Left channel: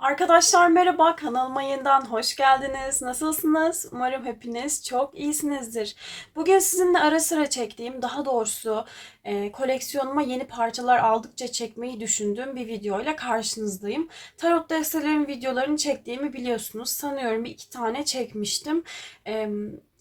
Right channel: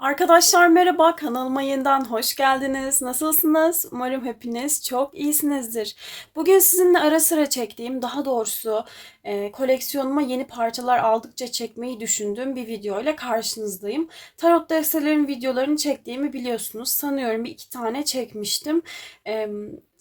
Arkadaşlar merhaba, kanalıma yeniden hoş geldiniz. Nasılsınız? Umarım hepiniz çok iyisinizdir. Bugün sizinle ara sıra çektiğim, daha doğrusu e, koleksiyonuma yeni parçalar aldıkça çekmeyi düşündüğüm bir video ile karşınızdayım. Tarot destelerin videolarını çektiğimi biliyorsunuz. Sanıyorum iki tane çekmiştim. E,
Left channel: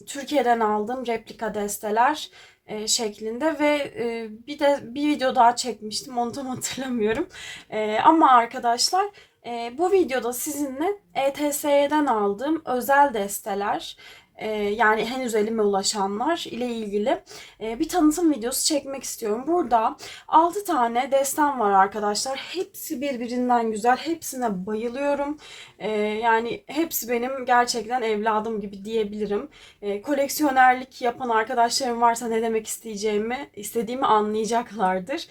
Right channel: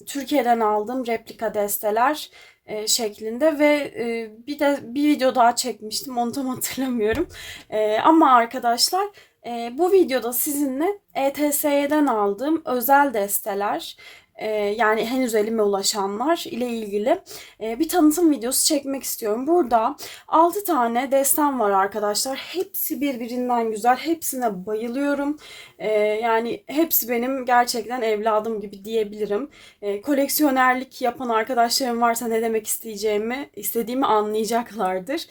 Türkiye'den aldığım replika desteler e, şeklinde ve e, bir de bir video daha çekmiştim. Onu tam hatırlamıyorum. E, ama arkadaşlar e, bu videoda sizinle ETS'den aldığım özel desteler e, yani henüz elime ulaşanlar ile ilgili e, bir tanıtım videosu çekmek istiyorum. Burada 6 tane destem var arkadaşlar. Hepsi birbirinden güzel. Hepsine bayılıyorum. E, yani hepsi benim gerçekten evladım gibi diyebilirim. Koleksiyonerlik yapan arkadaşlarım varsa ne demek isteyeceğimi, istediğimi anlayacaklardır.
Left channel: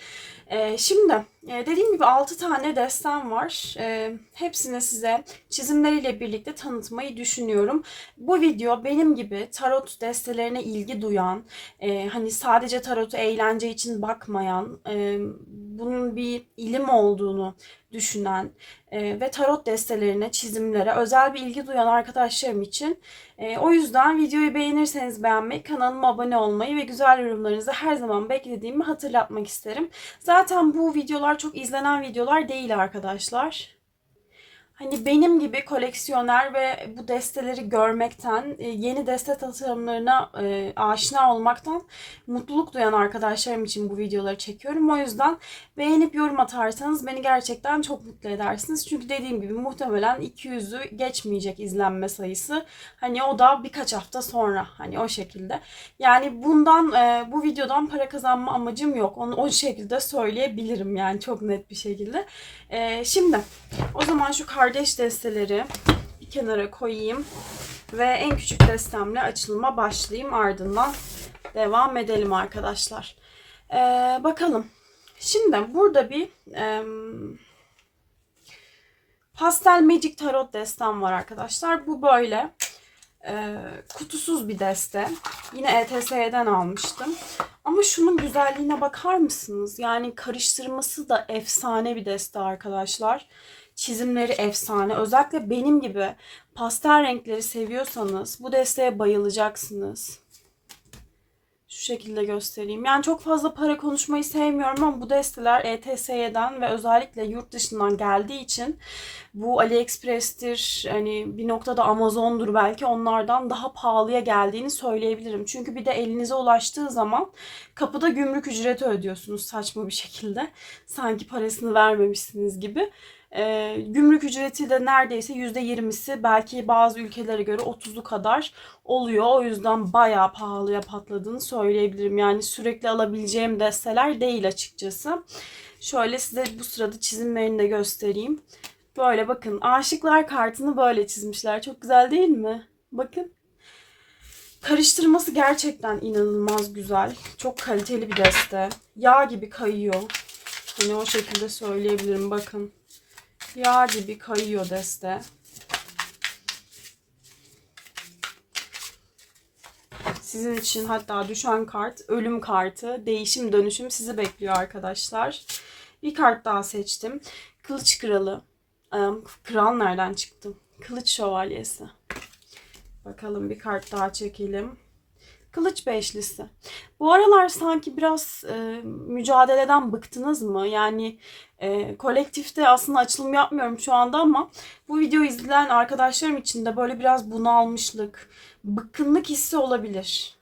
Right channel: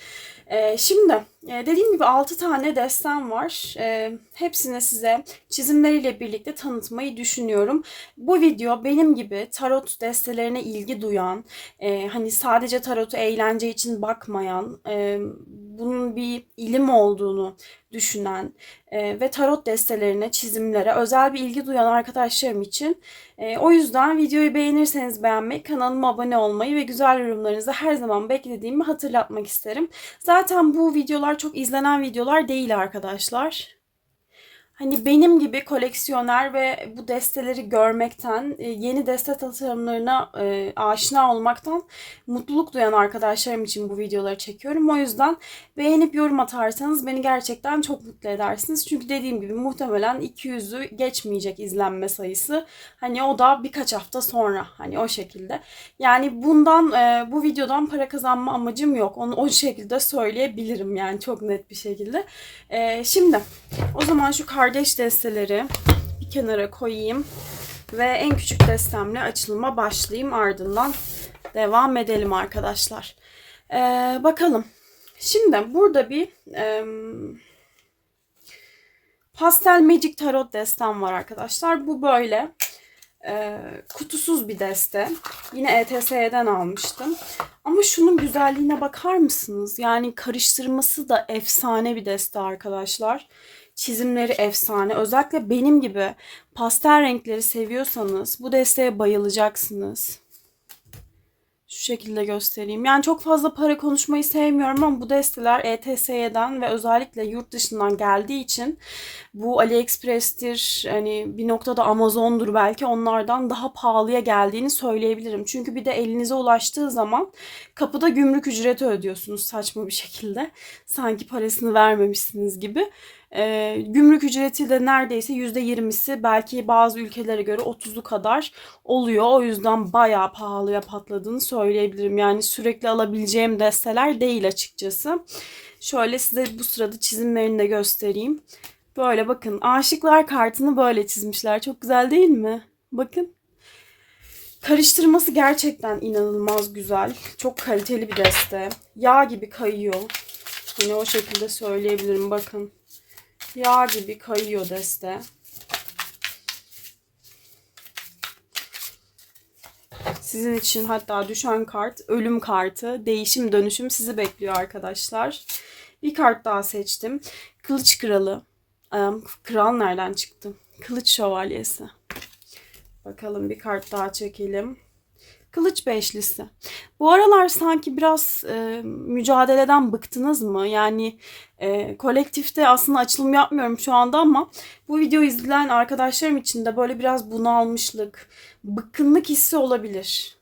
Ee, şimdi e, dediğim gibi 6 tane destem var. Ee, hepsini size çizimleriyle birlikte tanıtmayı düşünüyorum. Bu video benim gibi tarot destelerine ilgi duyan, e, hani sadece tarotu eğlence için bakmayan, e, bunun bir ilim olduğunu düşünen e, ve tarot destelerine, çizimlere özel bir ilgi duyan arkadaşlarım için. E, o yüzden videoyu beğenirseniz beğenmeyi, kanalıma abone olmayı ve güzel yorumlarınızı her zaman beklediğimi hatırlatmak isterim. Zaten bu videolar çok izlenen videolar değil arkadaşlar hani benim gibi koleksiyoner ve bu desteleri görmekten, e, yeni deste tasarımlarına e, aşina olmaktan mutluluk duyan arkadaşlarım için bu videoları çekiyorum. O yüzden beğenip yorum atarsanız beni gerçekten çok mutlu edersiniz. Çünkü dediğim gibi muhtemelen 200'ü geçmeyecek izlenme sayısı. Hani o da birkaç hafta sonra hani o şekilde. Yani bundan e, bu videodan para kazanma amacım yok. Onu o şekilde söyleyebilirim yani çok net bir şekilde. Şimdi o zaman şu kar kardeş desteleri bir kenara koyayım. Ve en küçük destemle açılıma başlayayım. Ardından devam edelim arkadaşlar. Ee, bakalım. Şimdi burada bir e, Pastel Magic Tarot destem var arkadaşlar. Bu böyle e, kutusuz bir deste. Yine ETS'den almıştım. Ama şunun güzelliğine bakar mısınız? Yani karıştırması da efsane bir deste arkadaşlar. Çizimleri efsane. Özellikle benim gibi pastel renkleri seviyorsanız bu desteğe bayılacaksınız. Şu şekilde göstereyim. Yani çok fazla para konuşmayı sevmiyorum ama bu desteler ETS'den ve özellikle yurt dışından geldiği için bu AliExpress'tir hani bir noktada Amazon'dur belki onlardan daha pahalıya geldiğini söyleyebilirim. Çünkü bir de elinize ulaştığı zaman kapıda gümrük ücreti ödüyorsunuz saçma bir şekilde. Sanki parasını vermemişsiniz gibi. E, gümrük ücreti de neredeyse %20'si belki bazı ülkelere göre 30'u kadar oluyor. O yüzden bayağı pahalıya patladığını söyleyebilirim. Yani sürekli alabileceğim desteler değil açıkçası. Şöyle size bu sırada çizimlerini de göstereyim. Böyle bakın aşıklar kartını böyle çizmişler. Çok güzel değil mi? Bakın. Karıştırması gerçekten inanılmaz güzel. Çok kaliteli bir deste. Yağ gibi kayıyor. Hani o şekilde söyleyebilirim bakın. Yağ gibi kayıyor deste. Sizin için hatta düşen kart ölüm kartı, değişim dönüşüm sizi bekliyor arkadaşlar. Bir kart daha seçtim. Kılıç kralı. Kral nereden çıktı? Kılıç şövalyesi. Bakalım bir kart daha çekelim. Kılıç beşlisi. Bu aralar sanki biraz e, mücadeleden bıktınız mı? Yani e, kolektifte aslında açılım yapmıyorum şu anda ama bu video izleyen arkadaşlarım için de böyle biraz bunalmışlık, bıkkınlık hissi olabilir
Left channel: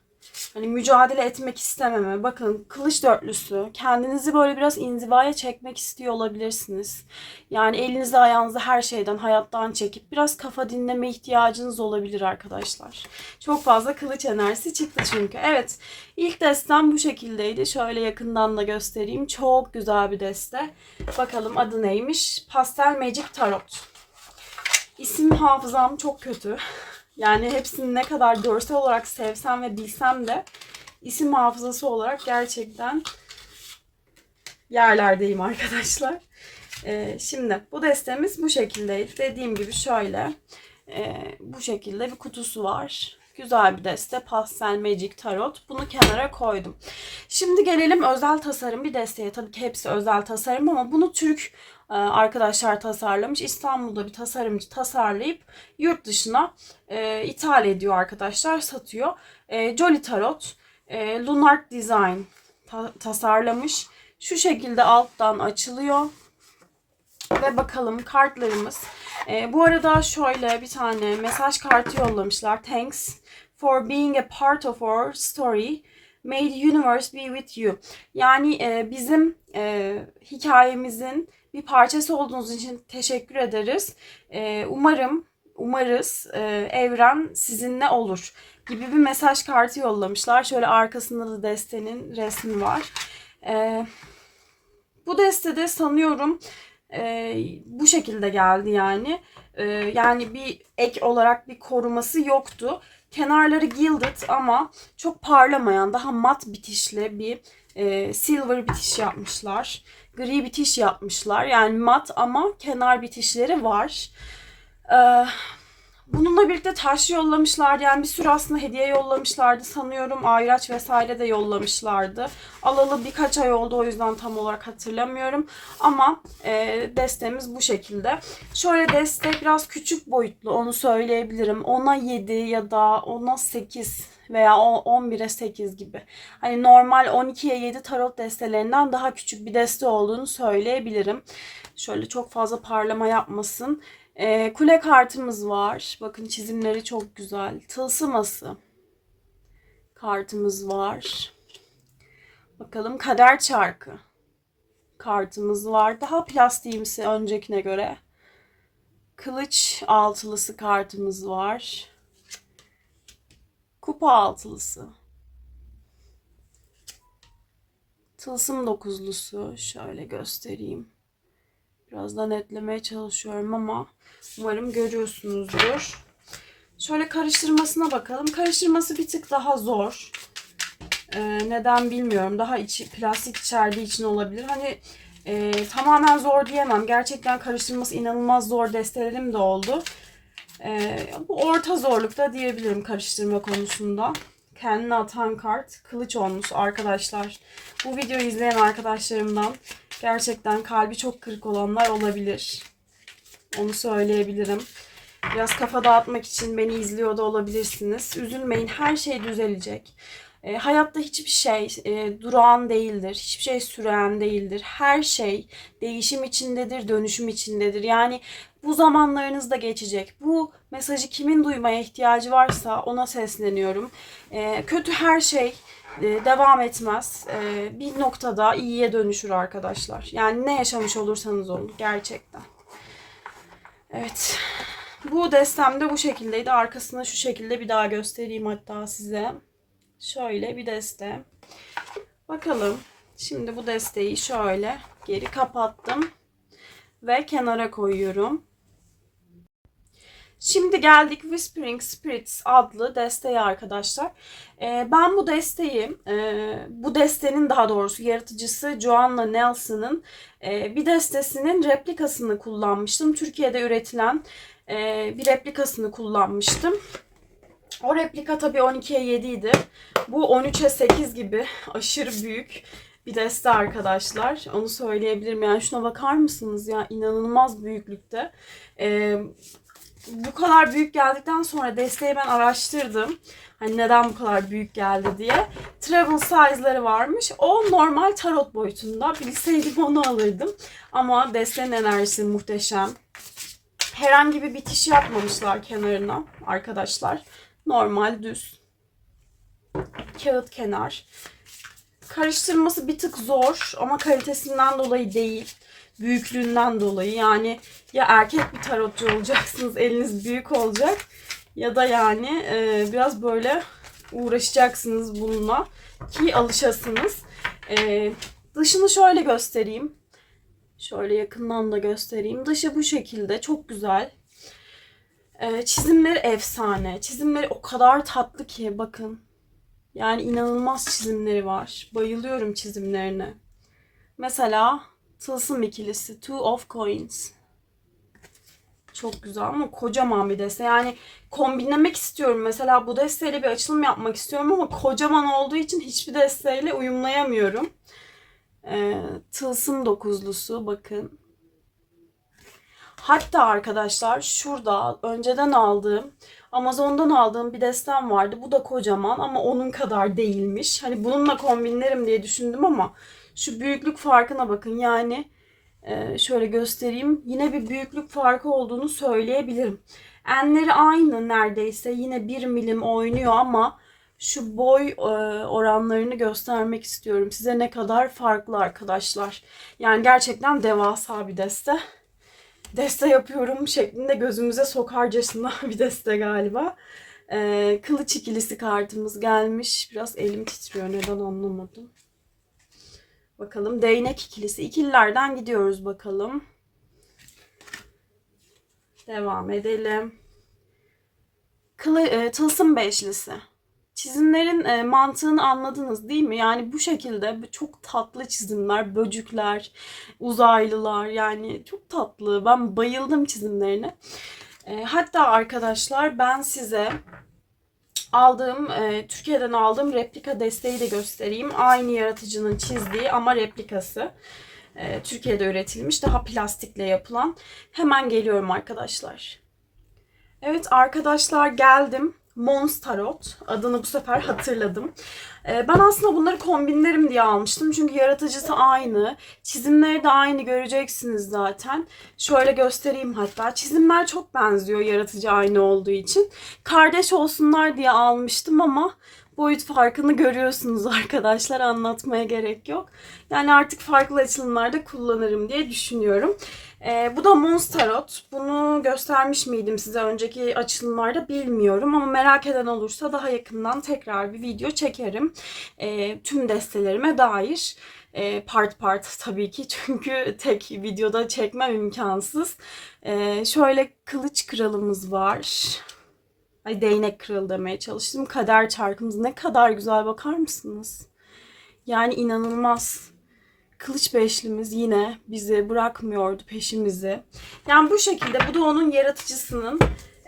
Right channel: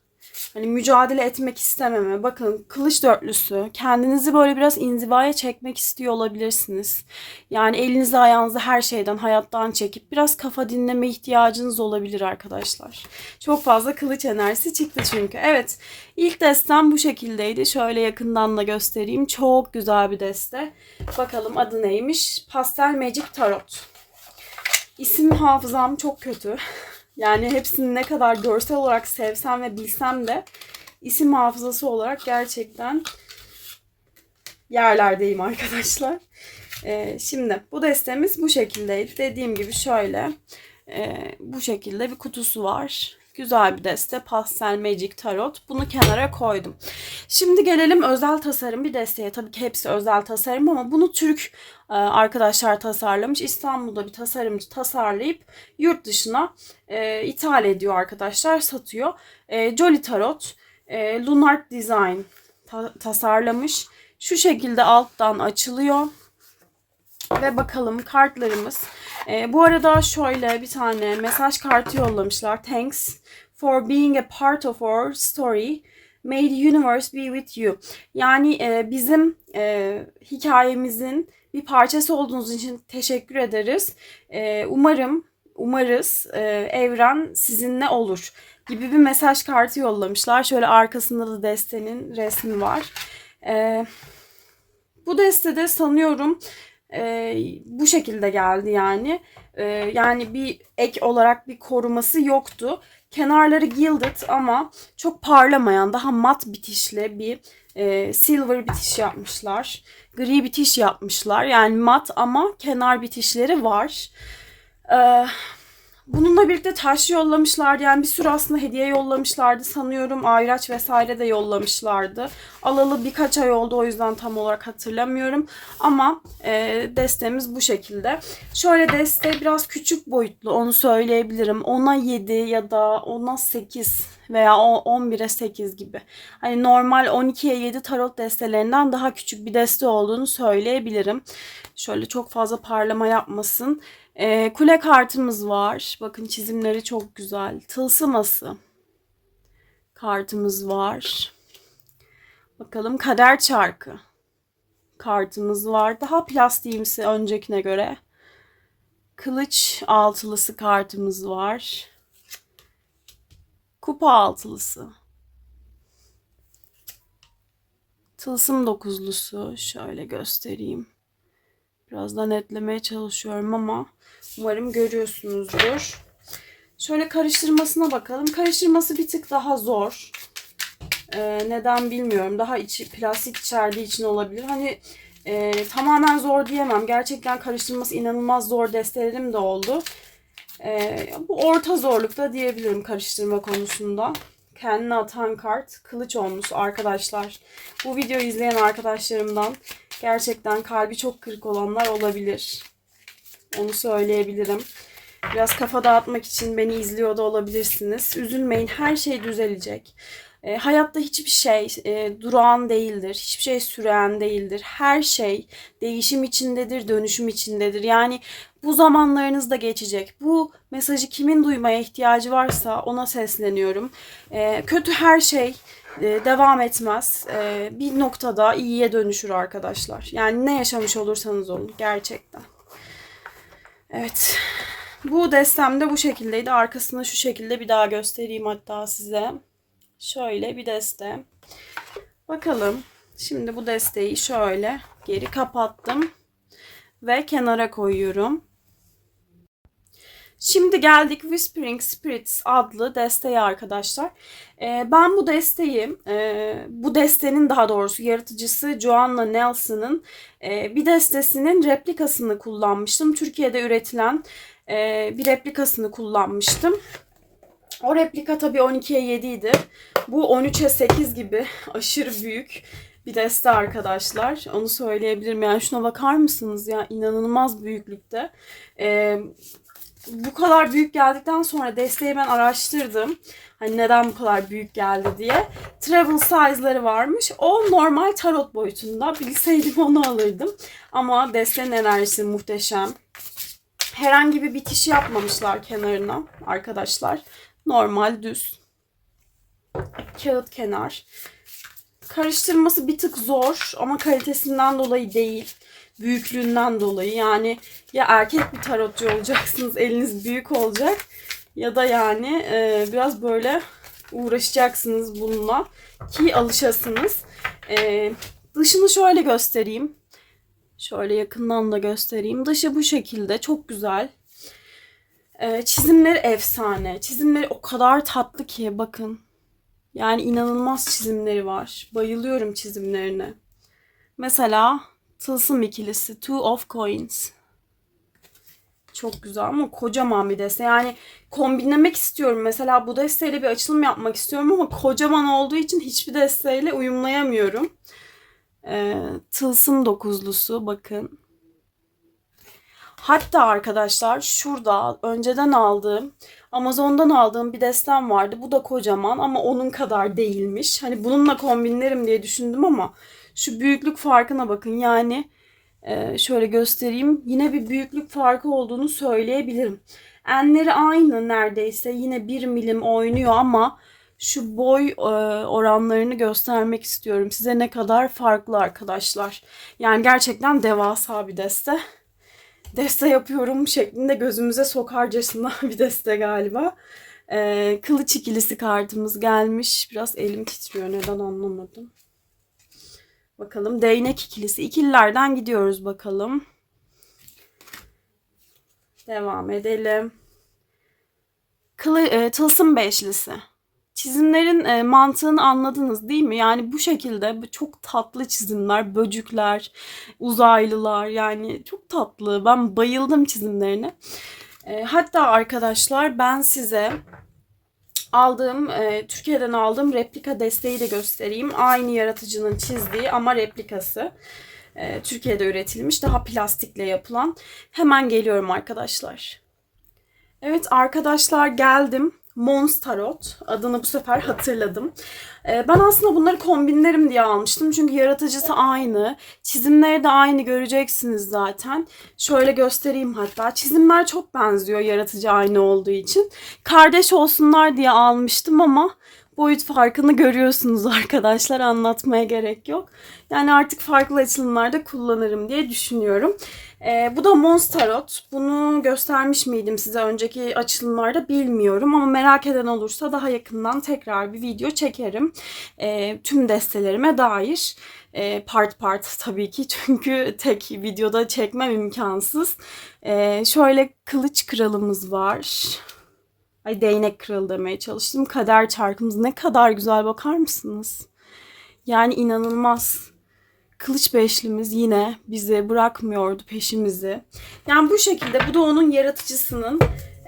hani mücadele etmek istememe. Bakın kılıç dörtlüsü. Kendinizi böyle biraz inzivaya çekmek istiyor olabilirsiniz. Yani elinizi ayağınızı her şeyden, hayattan çekip biraz kafa dinleme ihtiyacınız olabilir arkadaşlar. Çok fazla kılıç enerjisi çıktı çünkü. Evet ilk destem bu şekildeydi. Şöyle yakından da göstereyim. Çok güzel bir deste. Bakalım adı neymiş? Pastel Magic Tarot. İsim hafızam çok kötü. Yani hepsini ne kadar görsel olarak sevsem ve bilsem de isim hafızası olarak gerçekten yerlerdeyim arkadaşlar. Ee, şimdi bu destemiz bu şekildeydi. Dediğim gibi şöyle e, bu şekilde bir kutusu var. Güzel bir deste. Pastel Magic Tarot. Bunu kenara koydum. Şimdi gelelim özel tasarım bir desteye. Tabii ki hepsi özel tasarım ama bunu Türk arkadaşlar tasarlamış. İstanbul'da bir tasarımcı tasarlayıp yurt dışına e, ithal ediyor arkadaşlar, satıyor. E, Jolly Tarot, e, Lunart Design ta- tasarlamış. Şu şekilde alttan açılıyor. Ve bakalım kartlarımız. E, bu arada şöyle bir tane mesaj kartı yollamışlar. Thanks for being a part of our story. May the universe be with you. Yani e, bizim e, hikayemizin bir parçası olduğunuz için teşekkür ederiz. E, umarım, umarız e, evren sizinle olur gibi bir mesaj kartı yollamışlar. Şöyle arkasında da destenin resmi var. E, bu destede sanıyorum e, bu şekilde geldi yani. E, yani bir ek olarak bir koruması yoktu. Kenarları gilded ama çok parlamayan, daha mat bitişli bir e, silver bitiş yapmışlar. Gri bitiş yapmışlar. Yani mat ama kenar bitişleri var. E, bununla birlikte taş yollamışlardı. Yani bir sürü aslında hediye yollamışlardı. Sanıyorum ayraç vesaire de yollamışlardı. Alalı birkaç ay oldu o yüzden tam olarak hatırlamıyorum. Ama e, destemiz bu şekilde. Şöyle deste biraz küçük boyutlu onu söyleyebilirim. 10'a 7 ya da 10'a 8 veya 11'e 8 gibi. Hani normal 12'ye 7 tarot destelerinden daha küçük bir deste olduğunu söyleyebilirim. Şöyle çok fazla parlama yapmasın. Ee, kule kartımız var. Bakın çizimleri çok güzel. Tılsıması kartımız var. Bakalım kader çarkı kartımız var. Daha plastiğimsi öncekine göre. Kılıç altılısı kartımız var. Kupa altılısı. Tılsım dokuzlusu. Şöyle göstereyim. Biraz da netlemeye çalışıyorum ama umarım görüyorsunuzdur. Şöyle karıştırmasına bakalım. Karıştırması bir tık daha zor. Ee, neden bilmiyorum. Daha içi plastik içerdiği için olabilir. Hani e, tamamen zor diyemem. Gerçekten karıştırması inanılmaz zor destelerim de oldu. E, bu orta zorlukta diyebilirim karıştırma konusunda. Kendine atan kart kılıç olmuş arkadaşlar. Bu videoyu izleyen arkadaşlarımdan gerçekten kalbi çok kırık olanlar olabilir. Onu söyleyebilirim. Biraz kafa dağıtmak için beni izliyor da olabilirsiniz. Üzülmeyin her şey düzelecek. E, hayatta hiçbir şey e, durağan değildir. Hiçbir şey süren değildir. Her şey değişim içindedir, dönüşüm içindedir. Yani bu zamanlarınız da geçecek. Bu mesajı kimin duymaya ihtiyacı varsa ona sesleniyorum. E, kötü her şey e, devam etmez. E, bir noktada iyiye dönüşür arkadaşlar. Yani ne yaşamış olursanız olun gerçekten. Evet. Bu destem de bu şekildeydi. Arkasını şu şekilde bir daha göstereyim hatta size. Şöyle bir deste. Bakalım. Şimdi bu desteği şöyle geri kapattım. Ve kenara koyuyorum. Şimdi geldik Whispering Spirits adlı desteğe arkadaşlar. Ee, ben bu desteği, e, bu destenin daha doğrusu yaratıcısı Joanna Nelson'ın e, bir destesinin replikasını kullanmıştım. Türkiye'de üretilen e, bir replikasını kullanmıştım. O replika tabii 12'ye 7 idi. Bu 13'e 8 gibi aşırı büyük bir deste arkadaşlar. Onu söyleyebilirim. Yani şuna bakar mısınız ya? inanılmaz büyüklükte. Ee, bu kadar büyük geldikten sonra desteği ben araştırdım. Hani neden bu kadar büyük geldi diye. Travel size'ları varmış. O normal tarot boyutunda. Bilseydim onu alırdım. Ama destenin enerjisi muhteşem. Herhangi bir bitiş yapmamışlar kenarına arkadaşlar. Normal düz. Kağıt kenar. Karıştırması bir tık zor ama kalitesinden dolayı değil. Büyüklüğünden dolayı. Yani ya erkek bir tarotçu olacaksınız eliniz büyük olacak ya da yani e, biraz böyle uğraşacaksınız bununla ki alışasınız. E, dışını şöyle göstereyim. Şöyle yakından da göstereyim. Dışı bu şekilde çok güzel. E, çizimleri efsane. Çizimleri o kadar tatlı ki bakın. Yani inanılmaz çizimleri var. Bayılıyorum çizimlerine. Mesela Tılsım ikilisi. Two of Coins. Çok güzel ama kocaman bir deste. Yani kombinlemek istiyorum. Mesela bu desteyle bir açılım yapmak istiyorum ama kocaman olduğu için hiçbir desteyle uyumlayamıyorum. Ee, tılsım dokuzlusu bakın. Hatta arkadaşlar şurada önceden aldığım Amazon'dan aldığım bir destem vardı. Bu da kocaman ama onun kadar değilmiş. Hani bununla kombinlerim diye düşündüm ama şu büyüklük farkına bakın. Yani e, şöyle göstereyim. Yine bir büyüklük farkı olduğunu söyleyebilirim. Enleri aynı neredeyse. Yine 1 milim oynuyor ama şu boy e, oranlarını göstermek istiyorum. Size ne kadar farklı arkadaşlar. Yani gerçekten devasa bir deste. Deste yapıyorum şeklinde gözümüze sokarcasına bir deste galiba. E, kılıç ikilisi kartımız gelmiş. Biraz elim titriyor neden anlamadım. Bakalım değnek ikilisi. İkililerden gidiyoruz bakalım. Devam edelim. Kılı, e, tılsım beşlisi. Çizimlerin e, mantığını anladınız değil mi? Yani bu şekilde çok tatlı çizimler, böcükler, uzaylılar yani çok tatlı. Ben bayıldım çizimlerine. E, hatta arkadaşlar ben size aldığım, e, Türkiye'den aldığım replika desteği de göstereyim. Aynı yaratıcının çizdiği ama replikası. E, Türkiye'de üretilmiş, daha plastikle yapılan. Hemen geliyorum arkadaşlar. Evet arkadaşlar geldim. Mons Tarot. Adını bu sefer hatırladım. Ee, ben aslında bunları kombinlerim diye almıştım. Çünkü yaratıcısı aynı. Çizimleri de aynı göreceksiniz zaten. Şöyle göstereyim hatta. Çizimler çok benziyor yaratıcı aynı olduğu için. Kardeş olsunlar diye almıştım ama boyut farkını görüyorsunuz arkadaşlar. Anlatmaya gerek yok. Yani artık farklı açılımlarda kullanırım diye düşünüyorum. Ee, bu da Monsterot. Bunu göstermiş miydim size önceki açılımlarda bilmiyorum ama merak eden olursa daha yakından tekrar bir video çekerim. Ee, tüm destelerime dair. Ee, part part tabii ki çünkü tek videoda çekmem imkansız. Ee, şöyle kılıç kralımız var. Ay değnek kralı demeye çalıştım. Kader çarkımız ne kadar güzel bakar mısınız? Yani inanılmaz. Kılıç beşlimiz yine bizi bırakmıyordu peşimizi. Yani bu şekilde bu da onun yaratıcısının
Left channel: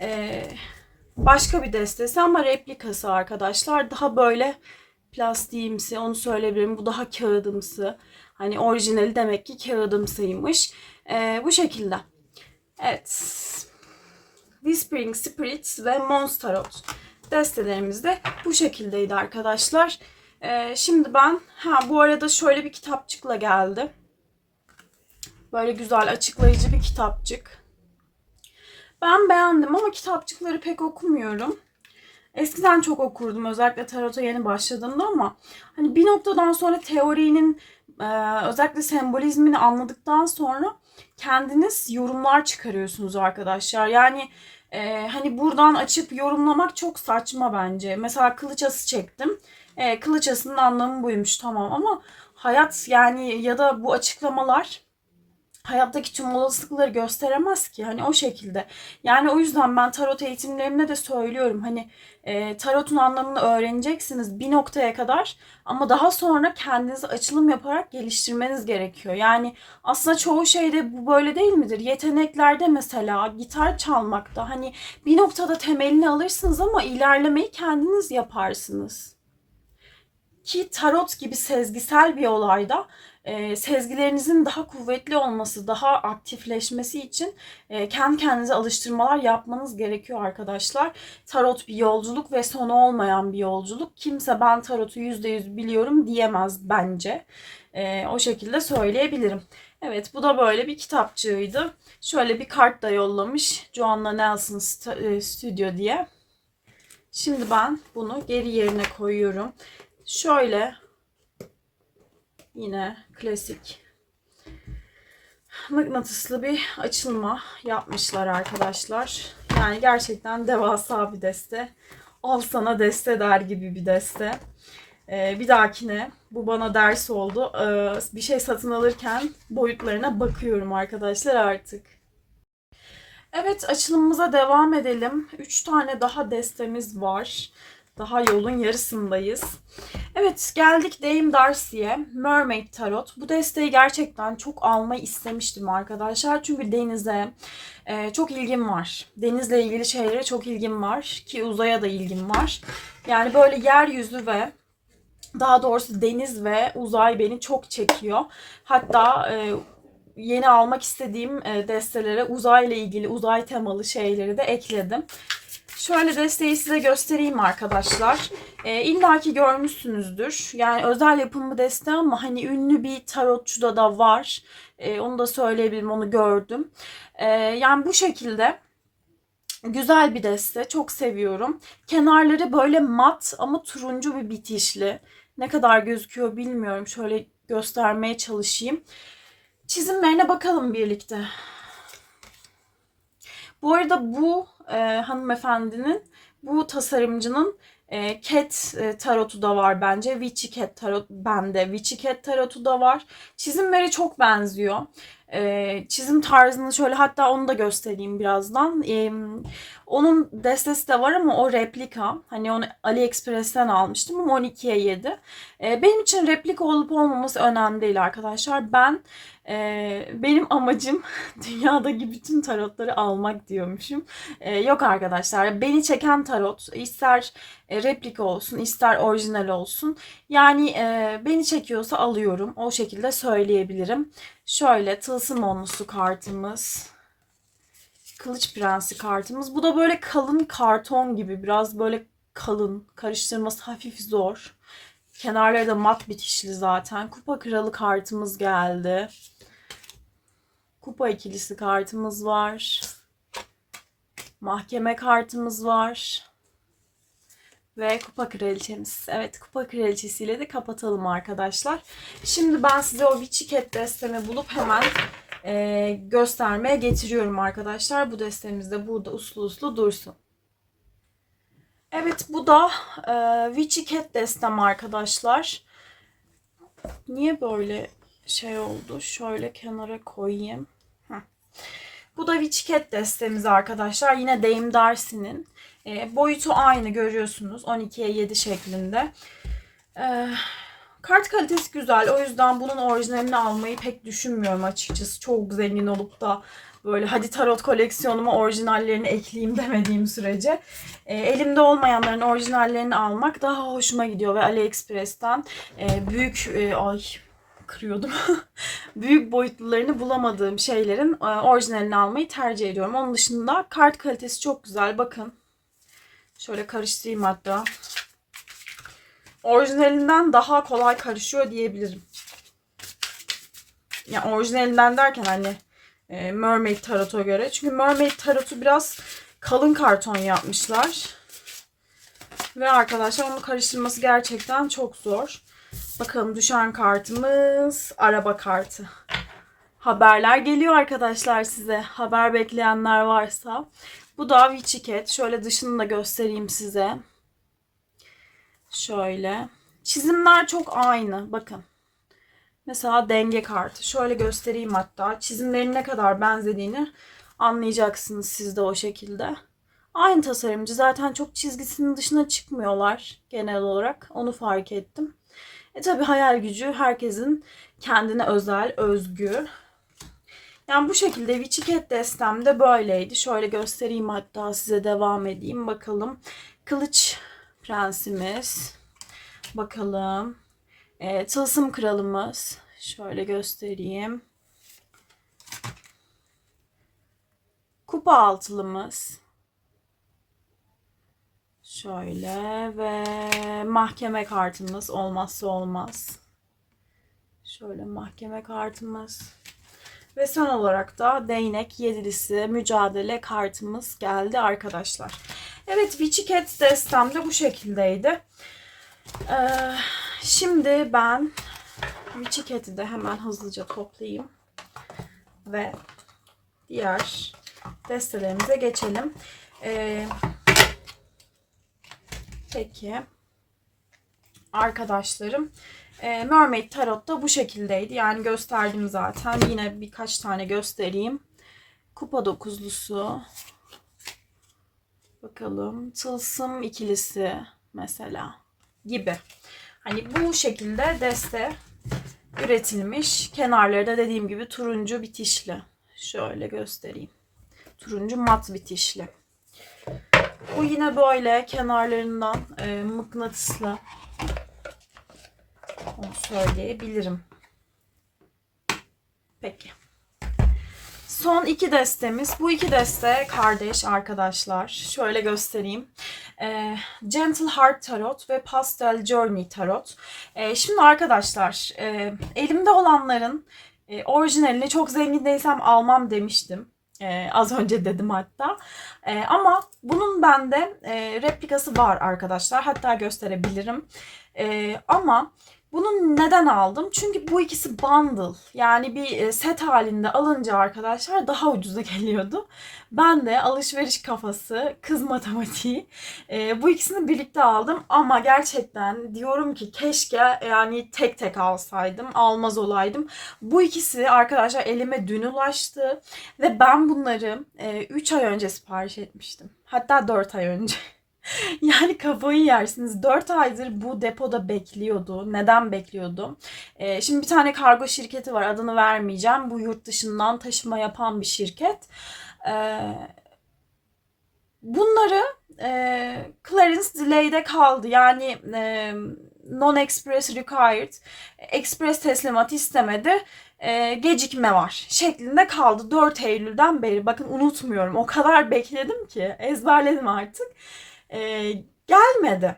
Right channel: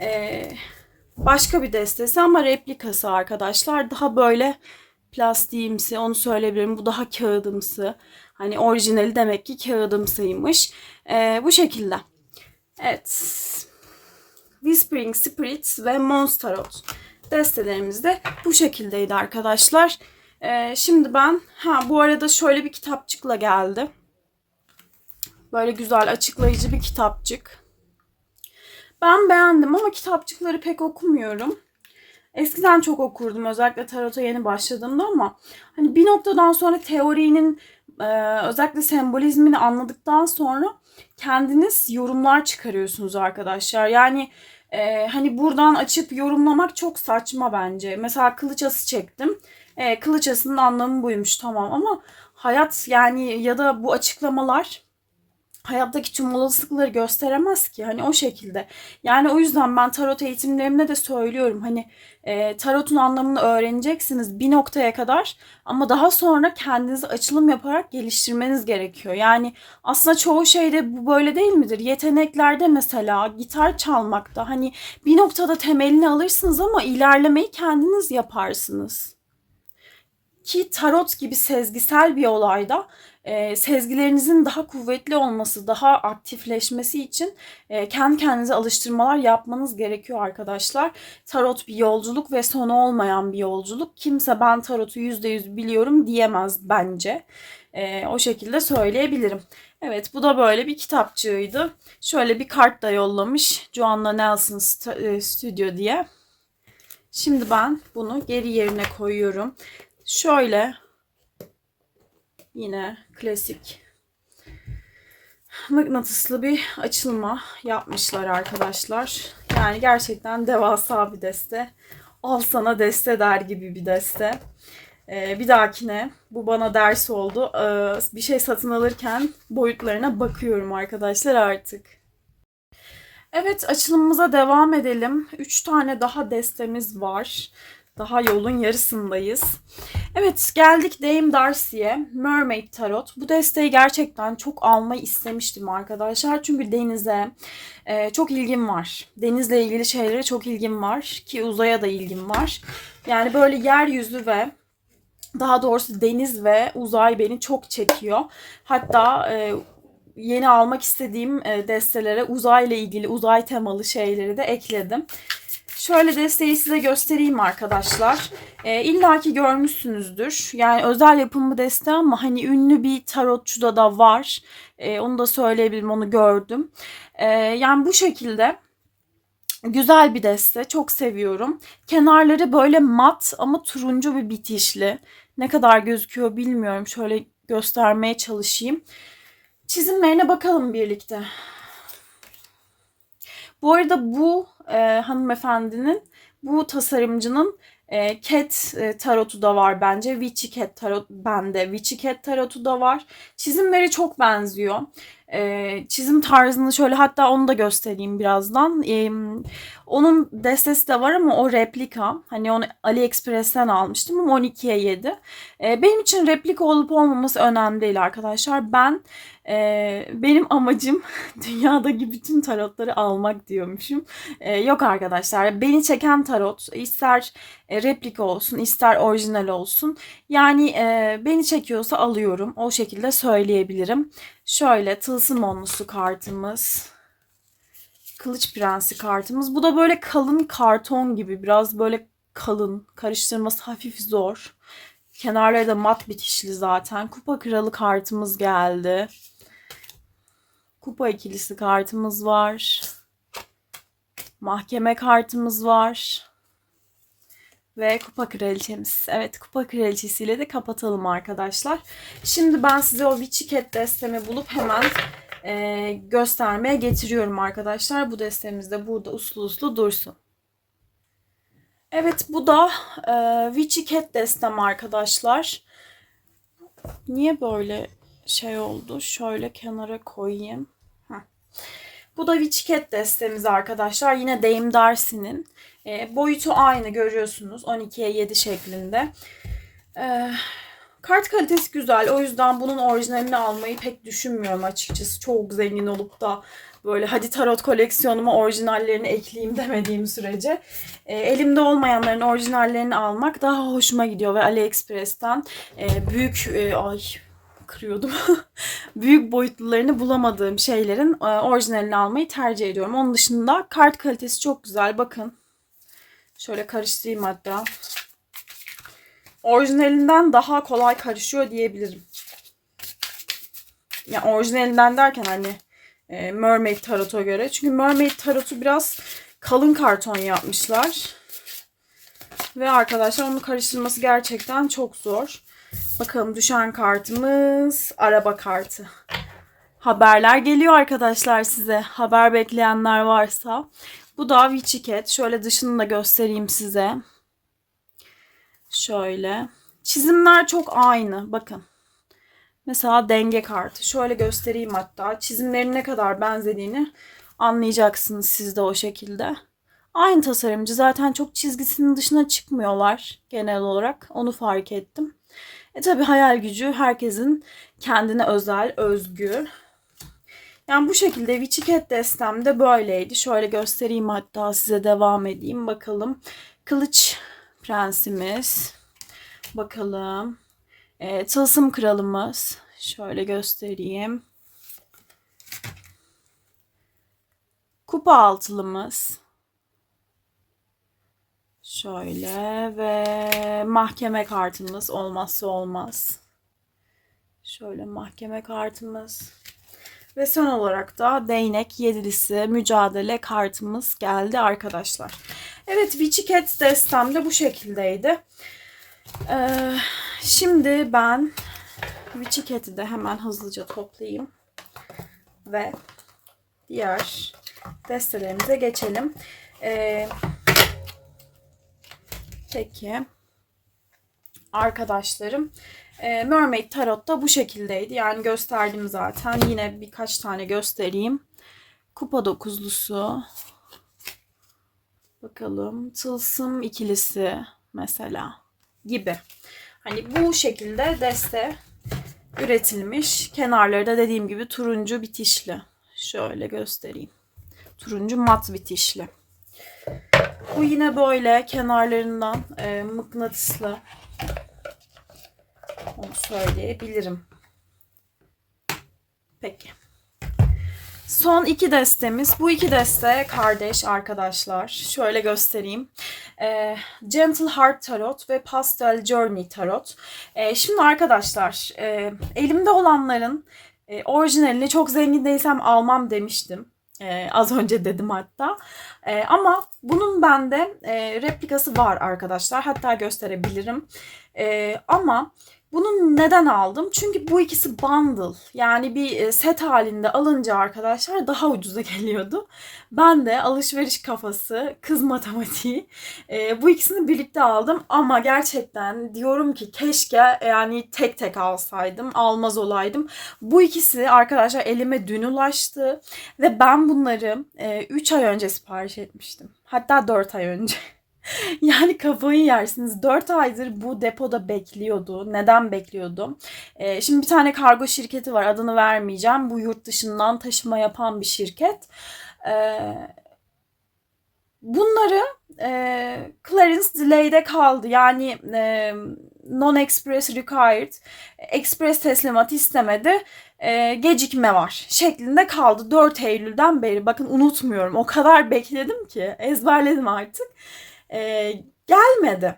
e, başka bir destesi ama replikası arkadaşlar. Daha böyle plastiğimsi onu söyleyebilirim. Bu daha kağıdımsı. Hani orijinali demek ki kağıdımsıymış. E, bu şekilde. Evet. Whispering Spirits ve Monsterot destelerimiz de bu şekildeydi arkadaşlar. Ee, şimdi ben ha bu arada şöyle bir kitapçıkla geldi. Böyle güzel açıklayıcı bir kitapçık. Ben beğendim ama kitapçıkları pek okumuyorum. Eskiden çok okurdum özellikle tarota yeni başladığımda ama hani bir noktadan sonra teorinin e, özellikle sembolizmini anladıktan sonra kendiniz yorumlar çıkarıyorsunuz arkadaşlar. Yani e, hani buradan açıp yorumlamak çok saçma bence. Mesela kılıç ası çektim. E, kılıç asının anlamı buymuş tamam ama hayat yani ya da bu açıklamalar hayattaki tüm olasılıkları gösteremez ki. Hani o şekilde. Yani o yüzden ben tarot eğitimlerimde de söylüyorum. Hani e, tarotun anlamını öğreneceksiniz bir noktaya kadar ama daha sonra kendinizi açılım yaparak geliştirmeniz gerekiyor. Yani aslında çoğu şeyde bu böyle değil midir? Yeteneklerde mesela gitar çalmakta hani bir noktada temelini alırsınız ama ilerlemeyi kendiniz yaparsınız. Ki tarot gibi sezgisel bir olayda e, sezgilerinizin daha kuvvetli olması, daha aktifleşmesi için e, kendi kendinize alıştırmalar yapmanız gerekiyor arkadaşlar. Tarot bir yolculuk ve sonu olmayan bir yolculuk. Kimse ben tarotu %100 biliyorum diyemez bence. E, o şekilde söyleyebilirim. Evet bu da böyle bir kitapçığıydı. Şöyle bir kart da yollamış. Joanna Nelson e, Studio diye. Şimdi ben bunu geri yerine koyuyorum. Şöyle yine klasik mıknatıslı bir açılma yapmışlar arkadaşlar. Yani gerçekten devasa bir deste. Al sana deste der gibi bir deste. Ee, bir dahakine bu bana ders oldu. Ee, bir şey satın alırken boyutlarına bakıyorum arkadaşlar artık. Evet açılımımıza devam edelim. 3 tane daha destemiz var. Daha yolun yarısındayız. Evet geldik Dame Darcy'ye. Mermaid Tarot. Bu desteği gerçekten çok almayı istemiştim arkadaşlar. Çünkü denize e, çok ilgim var. Denizle ilgili şeylere çok ilgim var. Ki uzaya da ilgim var. Yani böyle yeryüzü ve daha doğrusu deniz ve uzay beni çok çekiyor. Hatta e, yeni almak istediğim e, destelere uzayla ilgili, uzay temalı şeyleri de ekledim. Şöyle desteği size göstereyim arkadaşlar. E, İlla ki görmüşsünüzdür. Yani özel yapımı deste ama hani ünlü bir tarotçuda da var. E, onu da söyleyebilirim, onu gördüm. E, yani bu şekilde güzel bir deste. Çok seviyorum. Kenarları böyle mat ama turuncu bir bitişli. Ne kadar gözüküyor bilmiyorum. Şöyle göstermeye çalışayım. Çizimlerine bakalım birlikte. Bu arada bu e, hanımefendinin, bu tasarımcının e, Cat e, tarotu da var bence. Witchy Cat tarot bende. Witchy Cat tarotu da var. Çizimleri çok benziyor. E, çizim tarzını şöyle hatta onu da göstereyim birazdan. E, onun destesi de var ama o replika. Hani onu AliExpress'ten almıştım ama 12'ye 7. E, benim için replika olup olmaması önemli değil arkadaşlar. Ben e, benim amacım dünyadaki bütün tarotları almak diyormuşum. E, yok arkadaşlar. Beni çeken tarot ister e, replika olsun ister orijinal olsun. Yani e, beni çekiyorsa alıyorum. O şekilde söyleyebilirim. Şöyle tılsım onlusu kartımız. Kılıç Prensi kartımız. Bu da böyle kalın karton gibi. Biraz böyle kalın. Karıştırması hafif zor. Kenarları da mat bitişli zaten. Kupa Kralı kartımız geldi. Kupa ikilisi kartımız var. Mahkeme kartımız var. Ve kupa kraliçemiz. Evet kupa kraliçesiyle de kapatalım arkadaşlar. Şimdi ben size o Witchiket destemi bulup hemen e, göstermeye getiriyorum arkadaşlar. Bu destemiz de burada uslu uslu dursun. Evet bu da e, Witchiket destem arkadaşlar. Niye böyle şey oldu? Şöyle kenara koyayım. Heh. Bu da Witchiket destemiz arkadaşlar. Yine Dame Darcy'nin. E, boyutu aynı görüyorsunuz. 12'ye 7 şeklinde. E, kart kalitesi güzel. O yüzden bunun orijinalini almayı pek düşünmüyorum açıkçası. Çok zengin olup da böyle hadi tarot koleksiyonuma orijinallerini ekleyeyim demediğim sürece. E, elimde olmayanların orijinallerini almak daha hoşuma gidiyor ve AliExpress'ten e, büyük e, ay kırıyordum. büyük boyutlularını bulamadığım şeylerin e, orijinalini almayı tercih ediyorum. Onun dışında kart kalitesi çok güzel. Bakın. Şöyle karıştırayım hatta. Orijinalinden daha kolay karışıyor diyebilirim. Yani orijinalinden derken hani e, Mermaid Tarot'a göre. Çünkü Mermaid Tarot'u biraz kalın karton yapmışlar. Ve arkadaşlar onu karıştırması gerçekten çok zor. Bakalım düşen kartımız araba kartı. Haberler geliyor arkadaşlar size. Haber bekleyenler varsa. Bu da Witchiket. Şöyle dışını da göstereyim size. Şöyle. Çizimler çok aynı. Bakın. Mesela denge kartı. Şöyle göstereyim hatta. Çizimlerin ne kadar benzediğini anlayacaksınız siz de o şekilde. Aynı tasarımcı. Zaten çok çizgisinin dışına çıkmıyorlar genel olarak. Onu fark ettim. E tabi hayal gücü herkesin kendine özel, özgü. Yani bu şekilde Witchiket destem de böyleydi. Şöyle göstereyim hatta size devam edeyim. Bakalım. Kılıç prensimiz. Bakalım. E, tılsım kralımız. Şöyle göstereyim. Kupa altılımız. Şöyle ve mahkeme kartımız olmazsa olmaz. Şöyle mahkeme kartımız. Ve son olarak da değnek yedilisi mücadele kartımız geldi arkadaşlar. Evet Witchy Cats destem de bu şekildeydi. Ee, şimdi ben Witchy Cat'i de hemen hızlıca toplayayım. Ve diğer destelerimize geçelim. Ee, peki arkadaşlarım e, Mermaid Tarot da bu şekildeydi. Yani gösterdim zaten. Yine birkaç tane göstereyim. Kupa dokuzlusu. Bakalım. Tılsım ikilisi mesela gibi. Hani bu şekilde deste üretilmiş. Kenarları da dediğim gibi turuncu bitişli. Şöyle göstereyim. Turuncu mat bitişli. Bu yine böyle kenarlarından e, mıknatıslı onu söyleyebilirim. Peki. son iki destemiz. Bu iki deste kardeş arkadaşlar. Şöyle göstereyim. Ee, Gentle Heart Tarot ve Pastel Journey Tarot. Ee, şimdi arkadaşlar e, elimde olanların e, orijinalini çok zengin değilsem almam demiştim. Ee, az önce dedim hatta. Ee, ama bunun bende e, replikası var arkadaşlar. Hatta gösterebilirim. Ee, ama bunu neden aldım? Çünkü bu ikisi bundle. Yani bir e, set halinde alınca arkadaşlar daha ucuza geliyordu. Ben de alışveriş kafası, kız matematiği e, bu ikisini birlikte aldım. Ama gerçekten diyorum ki keşke yani tek tek alsaydım, almaz olaydım. Bu ikisi arkadaşlar elime dün ulaştı. Ve ben bunları 3 ay önce sipariş etmiştim. Hatta 4 ay önce. Yani kafayı yersiniz. 4 aydır bu depoda bekliyordu. Neden bekliyordu? Ee, şimdi bir tane kargo şirketi var. Adını vermeyeceğim. Bu yurt dışından taşıma yapan bir şirket. Ee, bunları e, clearance delay'de kaldı. Yani e, non-express required. Express teslimat istemedi. E, gecikme var şeklinde kaldı. 4 Eylül'den beri. Bakın unutmuyorum. O kadar bekledim ki. Ezberledim artık e, gelmedi.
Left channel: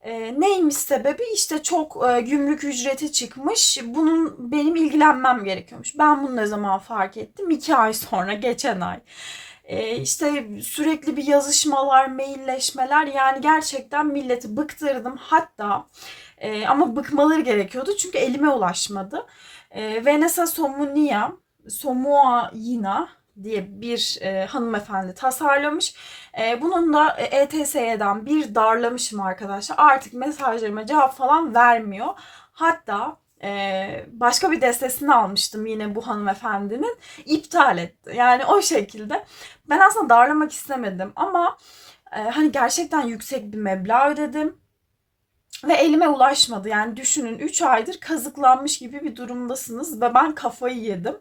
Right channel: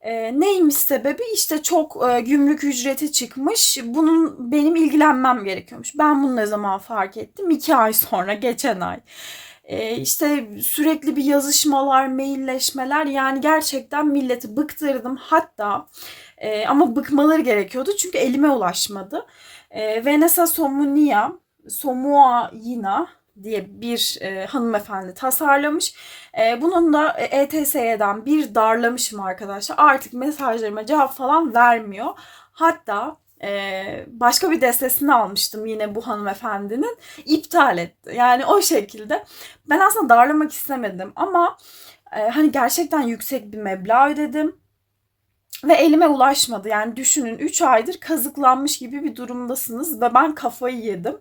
E, neymiş sebebi? İşte çok e, gümrük ücreti çıkmış. Bunun benim ilgilenmem gerekiyormuş. Ben bunu ne zaman fark ettim? İki ay sonra, geçen ay. E, işte sürekli bir yazışmalar, mailleşmeler. Yani gerçekten milleti bıktırdım. Hatta e, ama bıkmaları gerekiyordu çünkü elime ulaşmadı. E, Vanessa Somunia, Somuaina diye bir e, hanımefendi tasarlamış. E, bunun da ETS'den bir darlamışım arkadaşlar. Artık mesajlarıma cevap falan vermiyor. Hatta e, başka bir destesini almıştım yine bu hanımefendinin. iptal etti. Yani o şekilde. Ben aslında darlamak istemedim ama e, hani gerçekten yüksek bir meblağ ödedim. Ve elime ulaşmadı. Yani düşünün 3 aydır kazıklanmış gibi bir durumdasınız ve ben kafayı yedim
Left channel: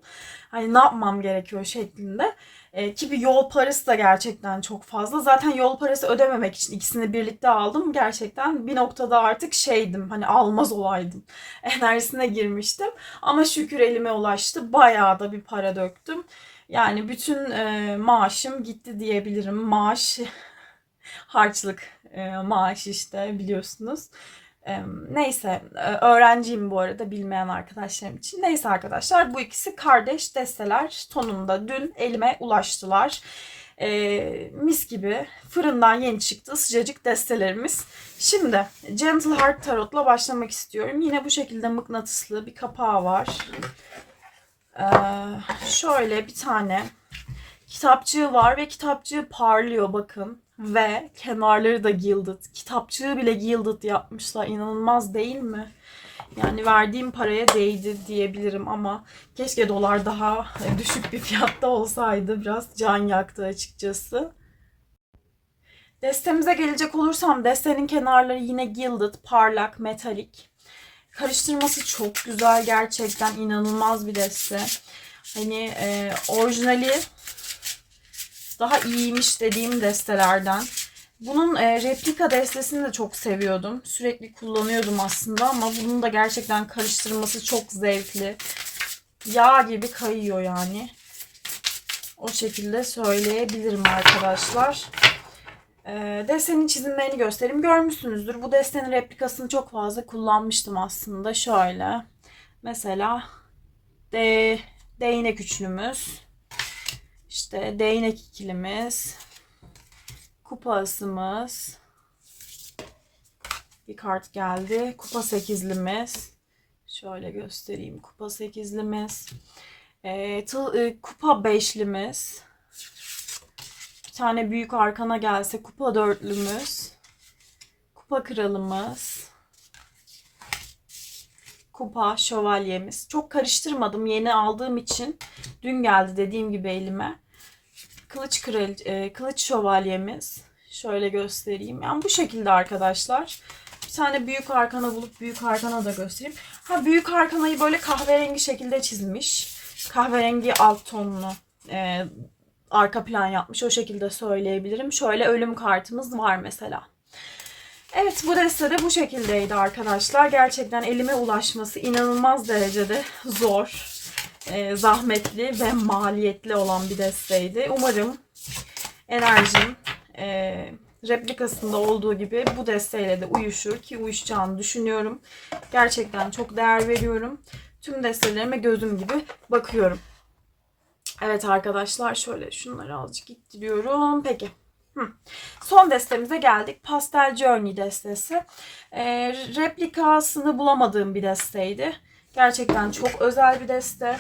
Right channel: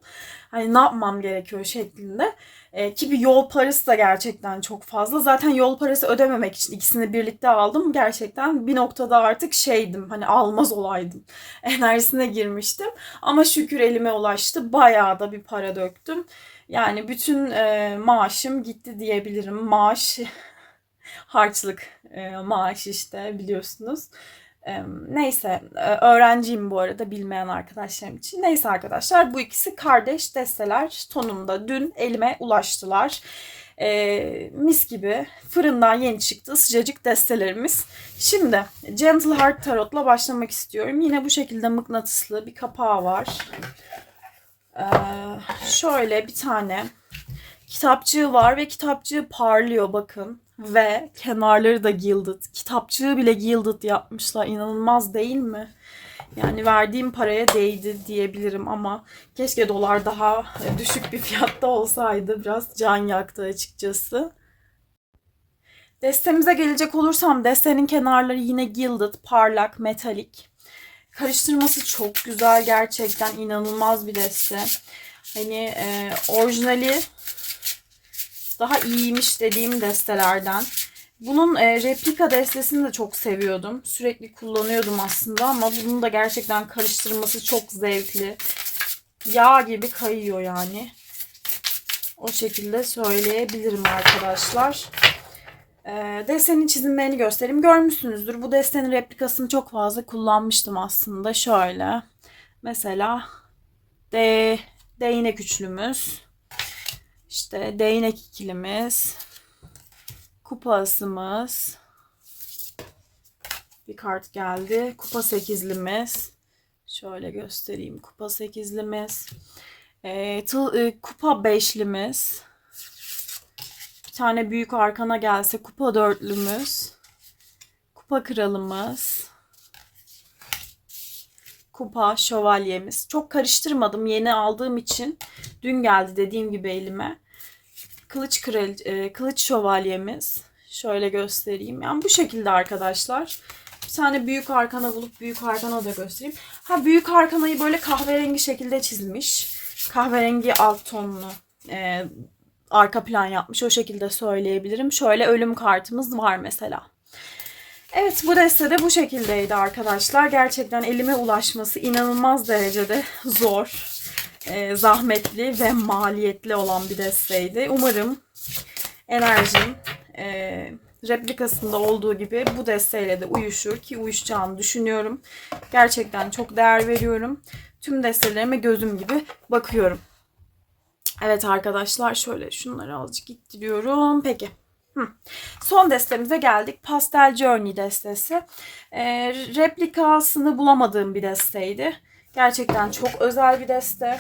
hani ne yapmam gerekiyor şeklinde. E, ki bir yol parası da gerçekten çok fazla. Zaten yol parası ödememek için ikisini birlikte aldım. Gerçekten bir noktada artık şeydim hani almaz olaydım. Enerjisine girmiştim. Ama şükür elime ulaştı. Bayağı da bir para döktüm. Yani bütün e, maaşım gitti diyebilirim. Maaş harçlık e, maaş işte biliyorsunuz. Neyse öğrenciyim bu arada bilmeyen arkadaşlarım için. Neyse arkadaşlar bu ikisi kardeş desteler tonunda dün elime ulaştılar. E, mis gibi fırından yeni çıktı sıcacık destelerimiz. Şimdi Gentle Heart Tarot'la başlamak istiyorum. Yine bu şekilde mıknatıslı bir kapağı var. E, şöyle bir tane kitapçığı var ve kitapçığı parlıyor bakın ve kenarları da gilded. Kitapçığı bile gilded yapmışlar. İnanılmaz değil mi? Yani verdiğim paraya değdi diyebilirim ama keşke dolar daha düşük bir fiyatta olsaydı. Biraz can yaktı açıkçası. Destemize gelecek olursam destenin kenarları yine gilded, parlak, metalik. Karıştırması çok güzel gerçekten inanılmaz bir deste. Hani e, orijinali daha iyiymiş dediğim destelerden. Bunun e, replika destesini de çok seviyordum. Sürekli kullanıyordum aslında ama bunun da gerçekten karıştırması çok zevkli. Yağ gibi kayıyor yani. O şekilde söyleyebilirim arkadaşlar. E, desenin çizimlerini göstereyim. Görmüşsünüzdür. Bu destenin replikasını çok fazla kullanmıştım aslında. Şöyle. Mesela de, değnek üçlümüz. İşte değnek ikilimiz. Kupa asımız. Bir kart geldi. Kupa sekizlimiz. Şöyle göstereyim. Kupa sekizlimiz. E, tı, e, kupa beşlimiz. Bir tane büyük arkana gelse kupa dörtlümüz. Kupa kralımız. Kupa şövalyemiz. Çok karıştırmadım yeni aldığım için. Dün geldi dediğim gibi elime kılıç kral, e, kılıç şövalyemiz. Şöyle göstereyim. Yani bu şekilde arkadaşlar. Bir tane büyük arkana bulup büyük arkana da göstereyim. Ha büyük arkanayı böyle kahverengi şekilde çizmiş. Kahverengi alt tonlu e, arka plan yapmış. O şekilde söyleyebilirim. Şöyle ölüm kartımız var mesela. Evet bu deste de bu şekildeydi arkadaşlar. Gerçekten elime ulaşması inanılmaz derecede zor. e, zahmetli ve maliyetli olan bir desteydi. Umarım enerjim e, replikasında olduğu gibi bu desteğiyle de uyuşur ki uyuşacağını düşünüyorum. Gerçekten çok değer veriyorum. Tüm destelerime gözüm gibi bakıyorum. Evet arkadaşlar şöyle şunları azıcık ittiriyorum. Peki. Hı. Son destemize geldik. Pastel Journey destesi. Ee, replikasını bulamadığım bir desteydi. Gerçekten çok özel bir deste.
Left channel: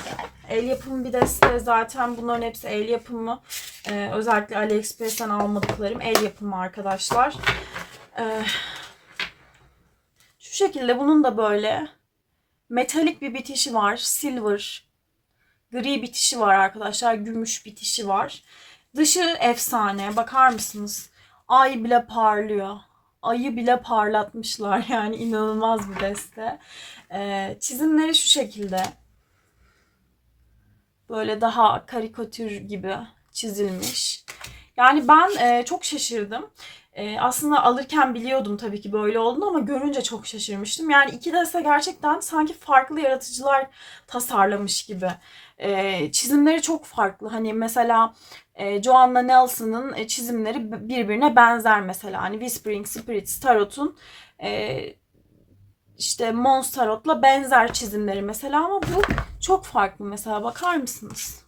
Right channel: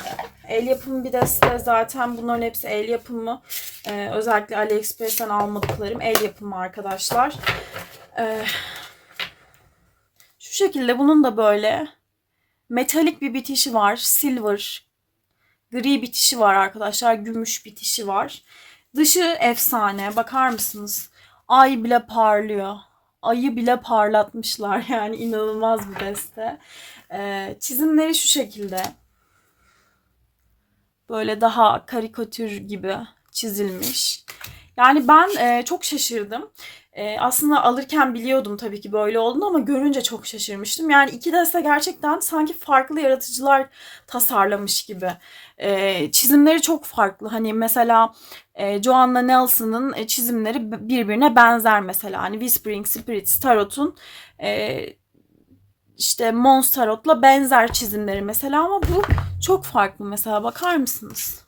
El yapımı bir deste. Zaten bunların hepsi el yapımı. Ee, özellikle AliExpress'ten almadıklarım el yapımı arkadaşlar. Ee, şu şekilde bunun da böyle metalik bir bitişi var. Silver, gri bitişi var arkadaşlar. Gümüş bitişi var. Dışı efsane. Bakar mısınız? Ay bile parlıyor. Ayı bile parlatmışlar. Yani inanılmaz bir deste. Ee, çizimleri şu şekilde. Böyle daha karikatür gibi çizilmiş. Yani ben e, çok şaşırdım. E, aslında alırken biliyordum tabii ki böyle olduğunu ama görünce çok şaşırmıştım. Yani iki deste gerçekten sanki farklı yaratıcılar tasarlamış gibi. E, çizimleri çok farklı. Hani mesela e, Joanna Nelson'ın çizimleri birbirine benzer mesela. Hani Whispering Spirits Tarot'un e, işte Mons Tarot'la benzer çizimleri mesela ama bu çok farklı mesela bakar mısınız?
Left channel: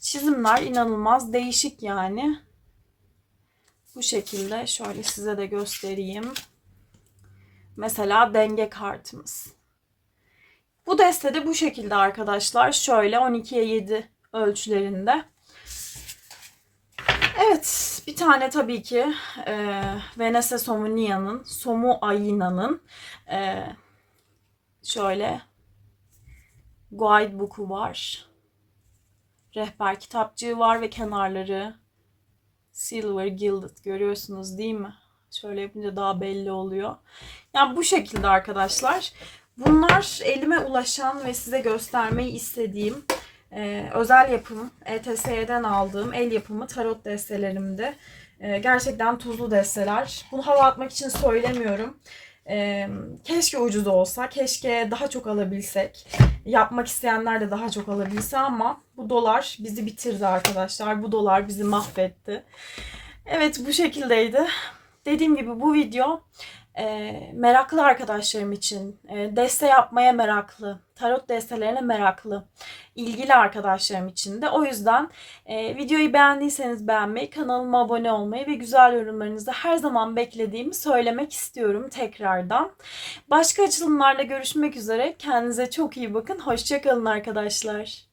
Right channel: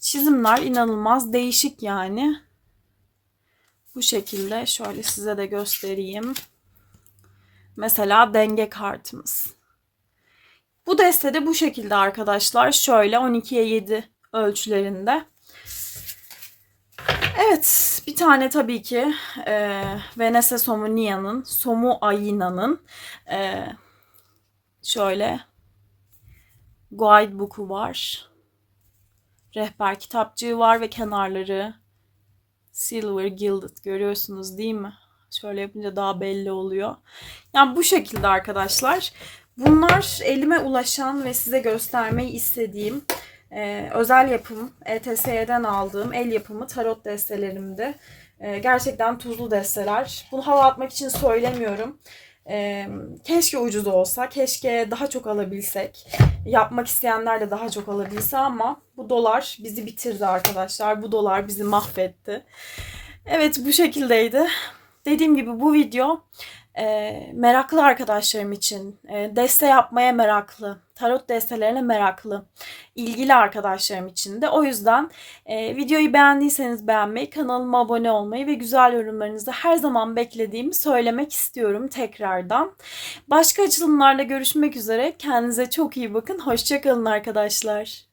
Çizimler inanılmaz değişik yani. Bu şekilde şöyle size de göstereyim. Mesela denge kartımız. Bu destede bu şekilde arkadaşlar. Şöyle 12'ye 7 ölçülerinde. Evet, bir tane tabii ki e, Venese Somunia'nın, Somu Ayina'nın e, şöyle guidebook'u var. Rehber kitapçığı var ve kenarları silver gilded görüyorsunuz değil mi? Şöyle yapınca daha belli oluyor. Yani bu şekilde arkadaşlar. Bunlar elime ulaşan ve size göstermeyi istediğim e, özel yapım ETS'den aldığım el yapımı tarot destelerimdi. E, gerçekten tuzlu desteler. Bunu hava atmak için söylemiyorum. E, keşke ucuz olsa, keşke daha çok alabilsek. Yapmak isteyenler de daha çok alabilse ama bu dolar bizi bitirdi arkadaşlar. Bu dolar bizi mahvetti. Evet bu şekildeydi. Dediğim gibi bu video e, meraklı arkadaşlarım için, e, deste yapmaya meraklı, tarot destelerine meraklı, ilgili arkadaşlarım için de. O yüzden e, videoyu beğendiyseniz beğenmeyi, kanalıma abone olmayı ve güzel yorumlarınızı her zaman beklediğimi söylemek istiyorum tekrardan. Başka açılımlarla görüşmek üzere. Kendinize çok iyi bakın. Hoşçakalın arkadaşlar.